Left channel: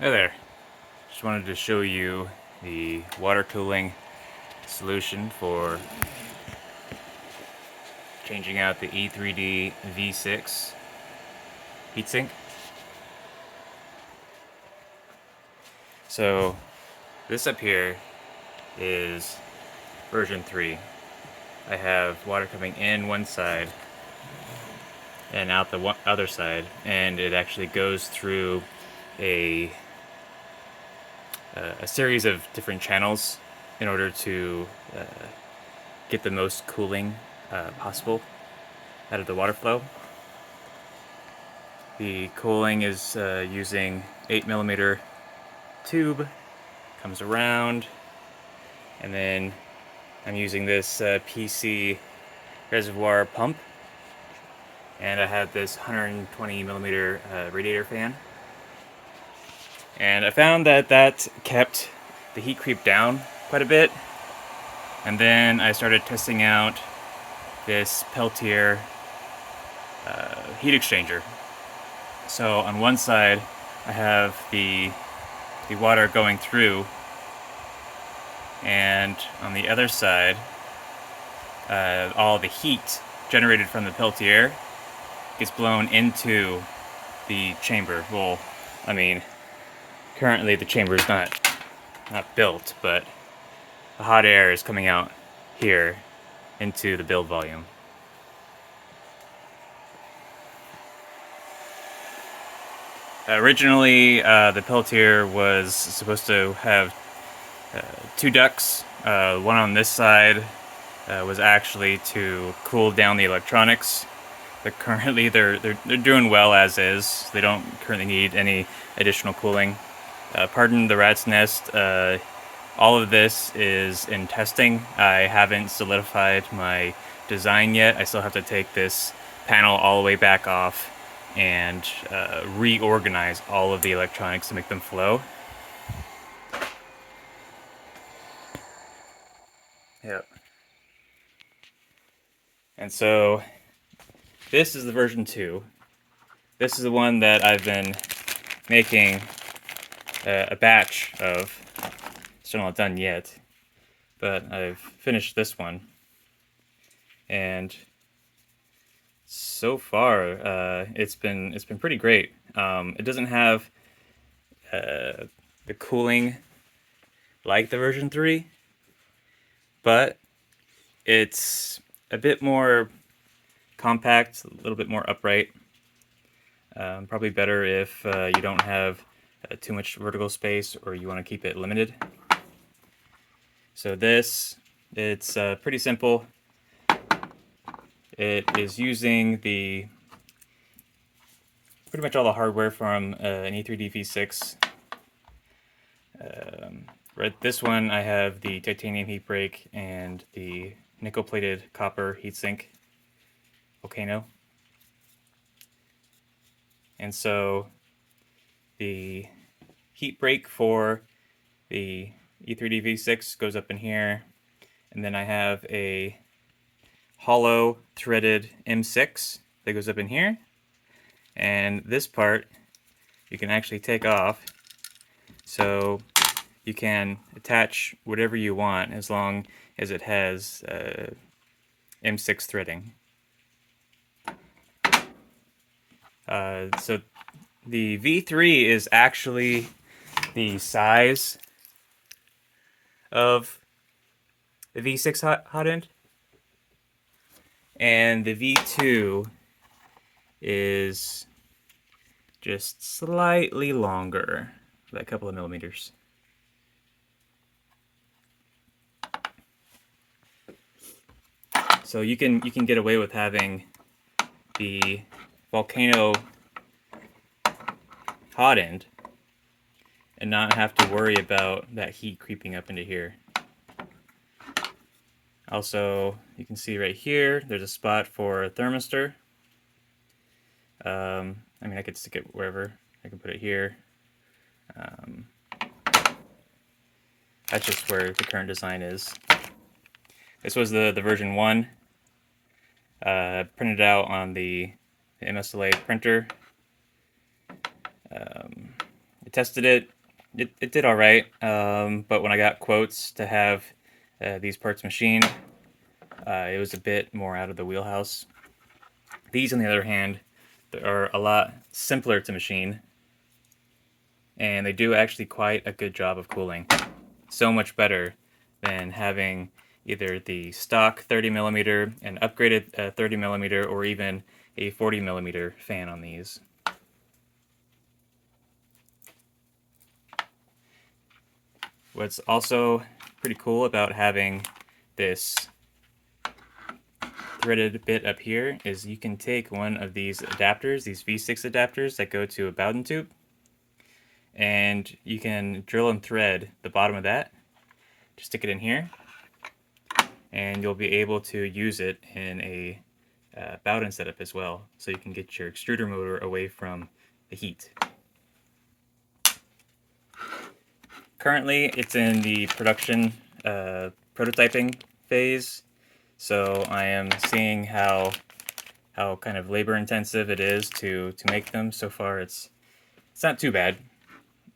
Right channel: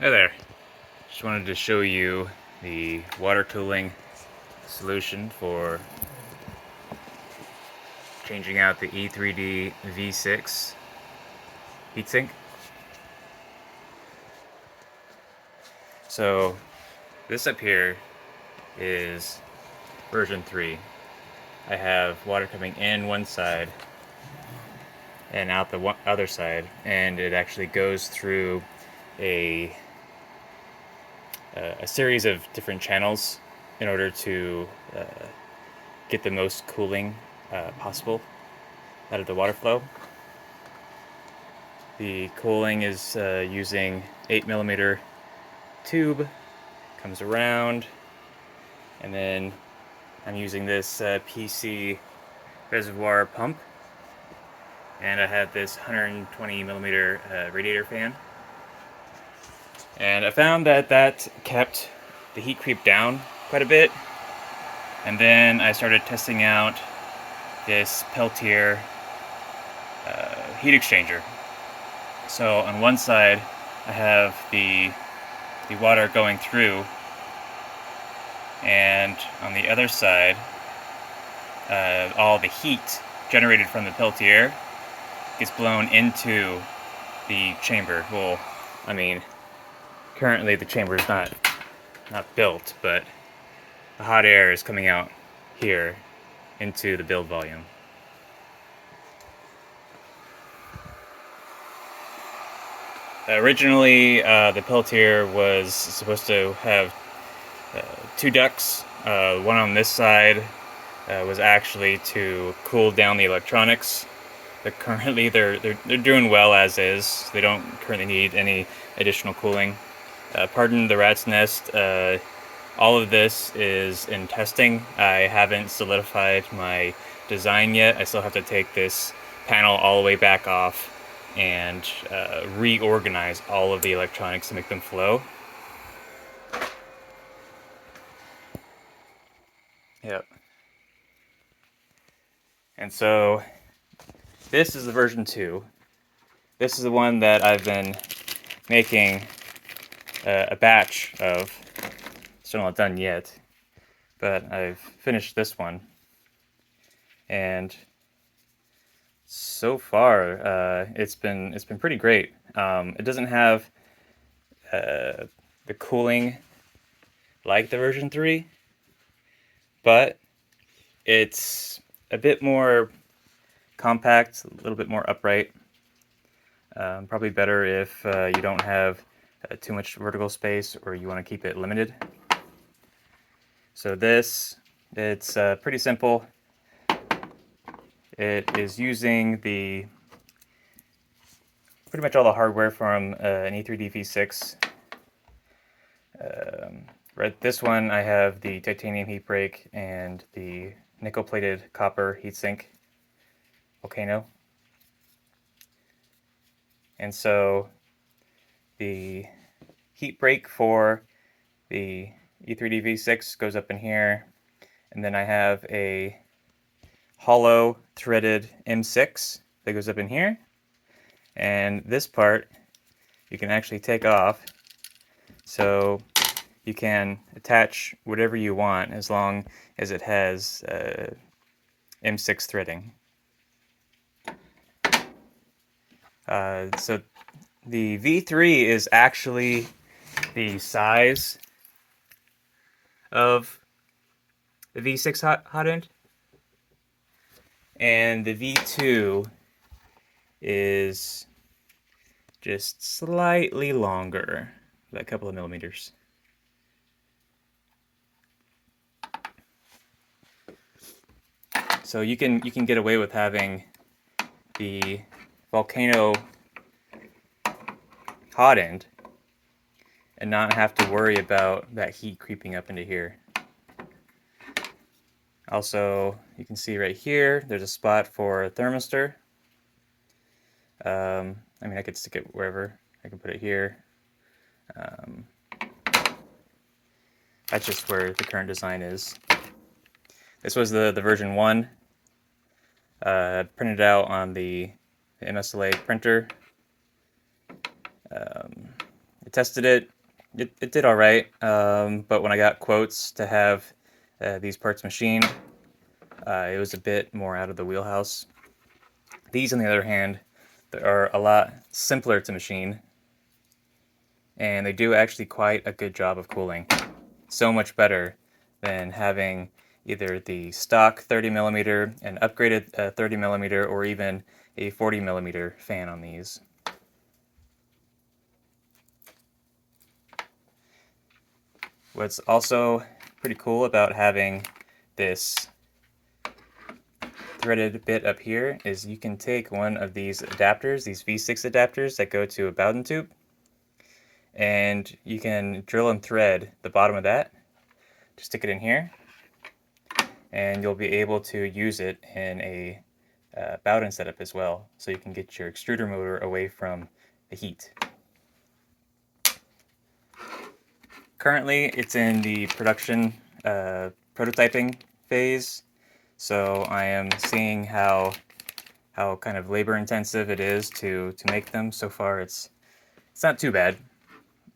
Hey there. Just wanted to show you the water cooling solution for changing out the E3D V6 heatsink. So this up here is version 3. I have water coming in one side and out the other side, and it actually goes through a a series of different channels in order to get the most cooling possible out of the water flow. The cooling is using 8mm tube, comes around, and then I'm using this PC reservoir pump, and I have this 120mm radiator fan. And I found that that kept the heat creep down quite a bit. And then I started testing out this Peltier heat exchanger. So on one side, I have the water going through, and on the other side, all the heat generated from the Peltier gets blown into the chamber. Well, I mean, currently the chamber is not built, but the hot air is coming out here into the build volume. Originally, the Peltier was supposed to have two ducts. One on this side was actually to cool down the electronics. But currently, they're doing well as is. They don't currently need any additional cooling. Pardon the rat's nest. All of this is in testing. I haven't solidified my design yet. I still have to take this panel all the way back off and reorganize all of the electronics to make them flow. Yep. And so this is the version 2. This is the one that I've been making a batch of. Still not done yet, but I've finished this one. And so far, it's been pretty great. It doesn't have the cooling like the version 3, but it's a bit more compact, a little bit more upright. Probably better if you don't have too much vertical space or you want to keep it limited. So this, it's pretty simple. It is using pretty much all the hardware from an E3D V6. Right, this one I have the titanium heat break and the nickel-plated copper heatsink volcano. And so the heat break for the E3D V6 goes up in here, and then I have a hollow threaded M6 that goes up in here, and this part you can actually take off, so you can attach whatever you want as long as it has M6 threading. So the V3 is actually the size of the V6 hot end, and the V2 is just slightly longer, by a couple of millimeters. So you can get away with having the volcano hot end and not have to worry about that heat creeping up into here. Also, you can see right here, there's a spot for a thermistor. I mean, I could stick it wherever. I can put it here. That's just where the current design is. This was the version 1. Printed out on the MSLA printer. tested it. It did all right, but when I got quotes to have these parts machined, it was a bit more out of the wheelhouse. These, on the other hand, are a lot simpler to machine, and they do actually quite a good job of cooling. So much better than having either the stock 30mm, an upgraded 30mm, or even a 40mm fan on these. What's also pretty cool about having this threaded bit up here is you can take one of these adapters, these V6 adapters that go to a Bowden tube, and you can drill and thread the bottom of that. Just stick it in here, and you'll be able to use it in a Bowden setup as well, so you can get your extruder motor away from the heat. Currently, it's in the production prototyping phase, so I am seeing how kind of labor intensive it is to make them. So far, it's not too bad,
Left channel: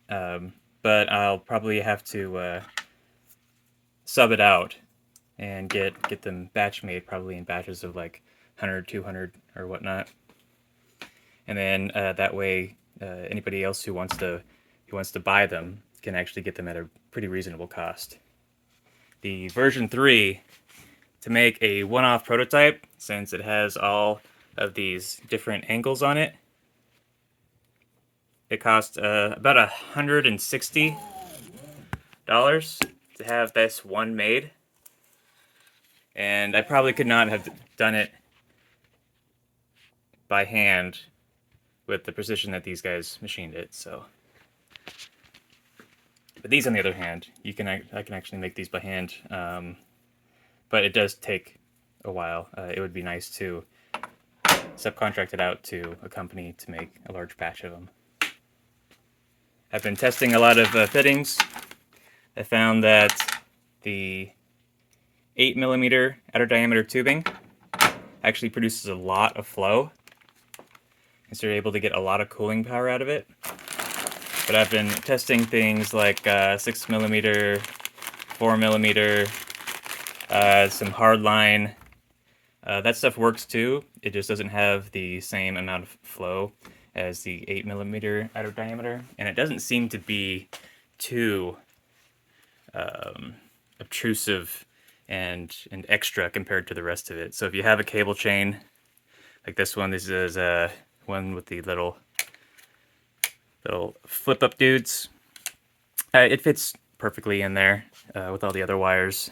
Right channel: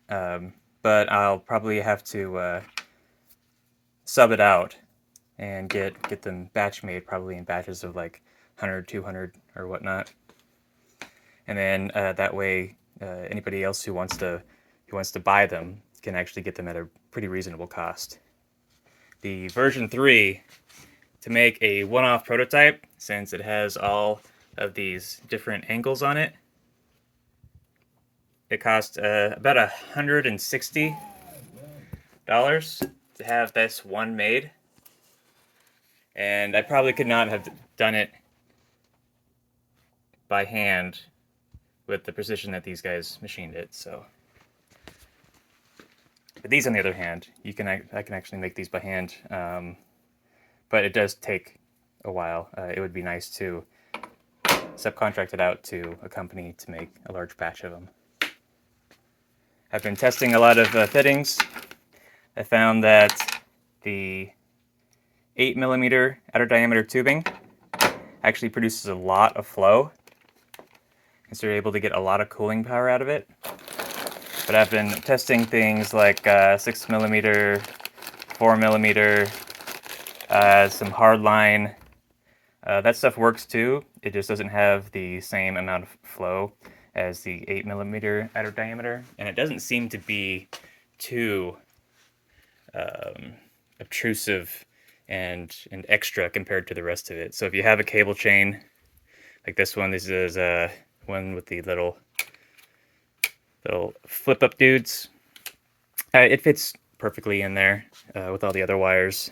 but I'll probably have to sub it out and get them batch made, probably in batches of like 100, 200 or whatnot, and then that way anybody else who wants to buy them can actually get them at a pretty reasonable cost. The version 3, to make a one-off prototype, since it has all of these different angles on it, it cost about $160 to have this one made, and I probably could not have done it by hand with the precision that these guys machined it. So, but these, on the other hand, I can actually make these by hand, but it does take a while. It would be nice to subcontract it out to a company to make a large batch of them. I've been testing a lot of fittings. I found that the 8mm outer diameter tubing actually produces a lot of flow, and so you're able to get a lot of cooling power out of it. But I've been testing things like 6mm, 4mm, some hardline. That stuff works too. It just doesn't have the same amount of flow as the 8mm outer diameter, and it doesn't seem to be too obtrusive and extra compared to the rest of it. So if you have a cable chain like this one, this is one with the little flip up dudes. It fits perfectly in there with all the other wires.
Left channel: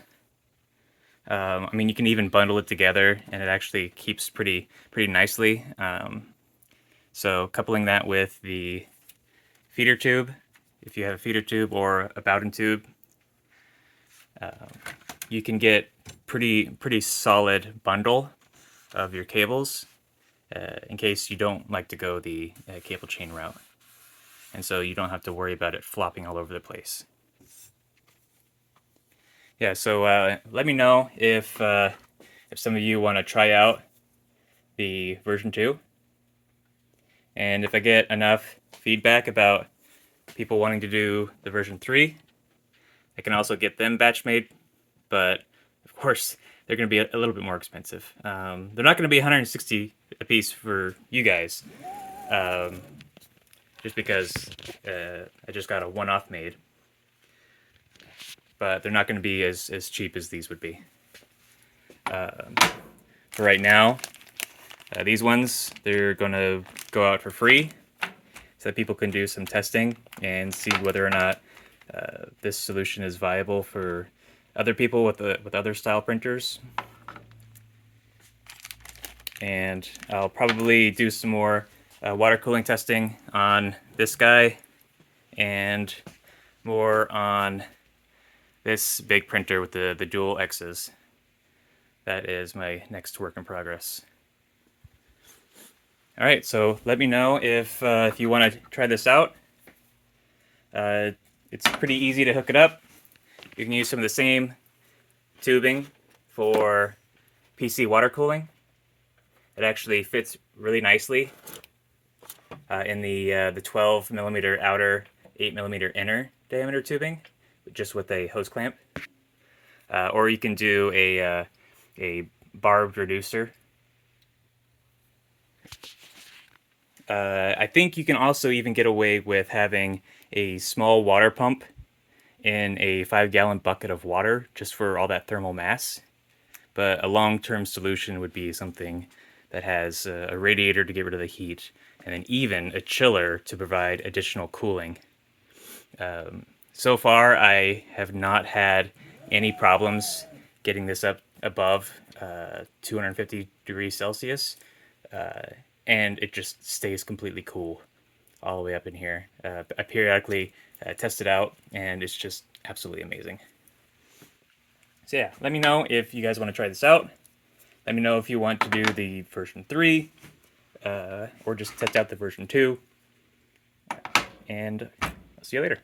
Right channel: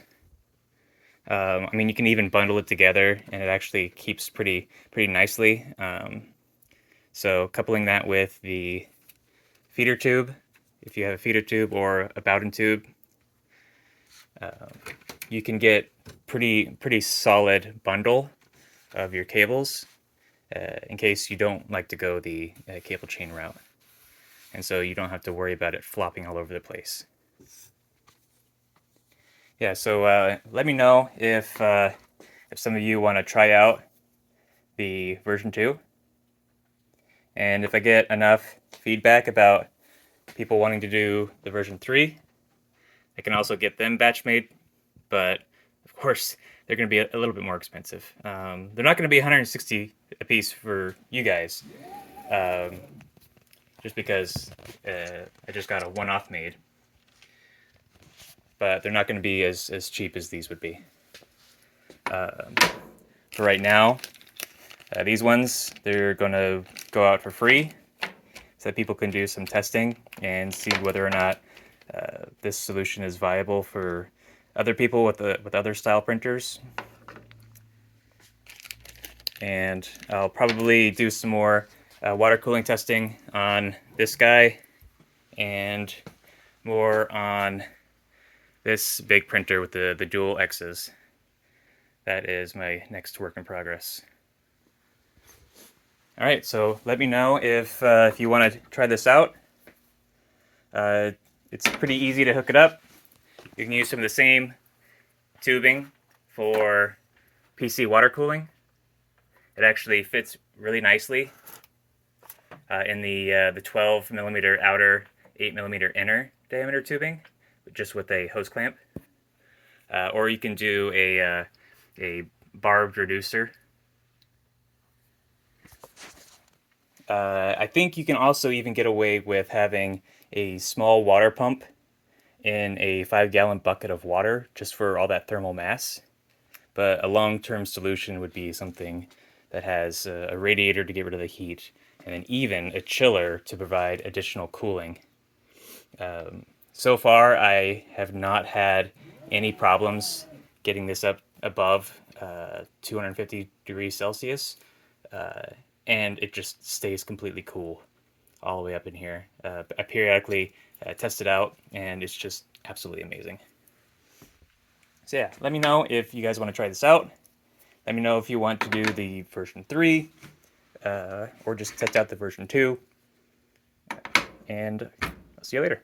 I mean, you can even bundle it together, and it actually keeps pretty nicely. So coupling that with the feeder tube, if you have a feeder tube or a Bowden tube, you can get pretty solid bundle of your cables in case you don't like to go the cable chain route, and so you don't have to worry about it flopping all over the place. Yeah, so let me know if some of you want to try out the version 2, and if I get enough feedback about people wanting to do the version 3, I can also get them batch made, but of course they're going to be a little bit more expensive. They're not going to be $160 a piece for you guys, just because I just got a one-off made. But they're not going to be as cheap as these would be. For right now, these ones, they're going to go out for free so that people can do some testing and see whether or not this solution is viable for other people with other style printers. And I'll probably do some more water cooling testing on this guy and more on this big printer with the dual X's. That is my next work in progress. All right, so let me know if you want to try this out. It's pretty easy to hook it up. You can use some of the same tubing for PC water cooling. It actually fits really nicely in the 12mm outer 8mm inner diameter tubing, just with a hose clamp. Or you can do a barbed reducer. I think you can also even get away with having a small water pump in a 5-gallon bucket of water just for all that thermal mass. But a long-term solution would be something that has a radiator to get rid of the heat, and then even a chiller to provide additional cooling. So far, I have not had any problems getting this up above 250 degrees Celsius, and it just stays completely cool all the way up in here. I periodically test it out, and it's just absolutely amazing. So yeah, let me know if you guys want to try this out. Let me know if you want to do the version 3, or just test out the version 2. And I'll see you later.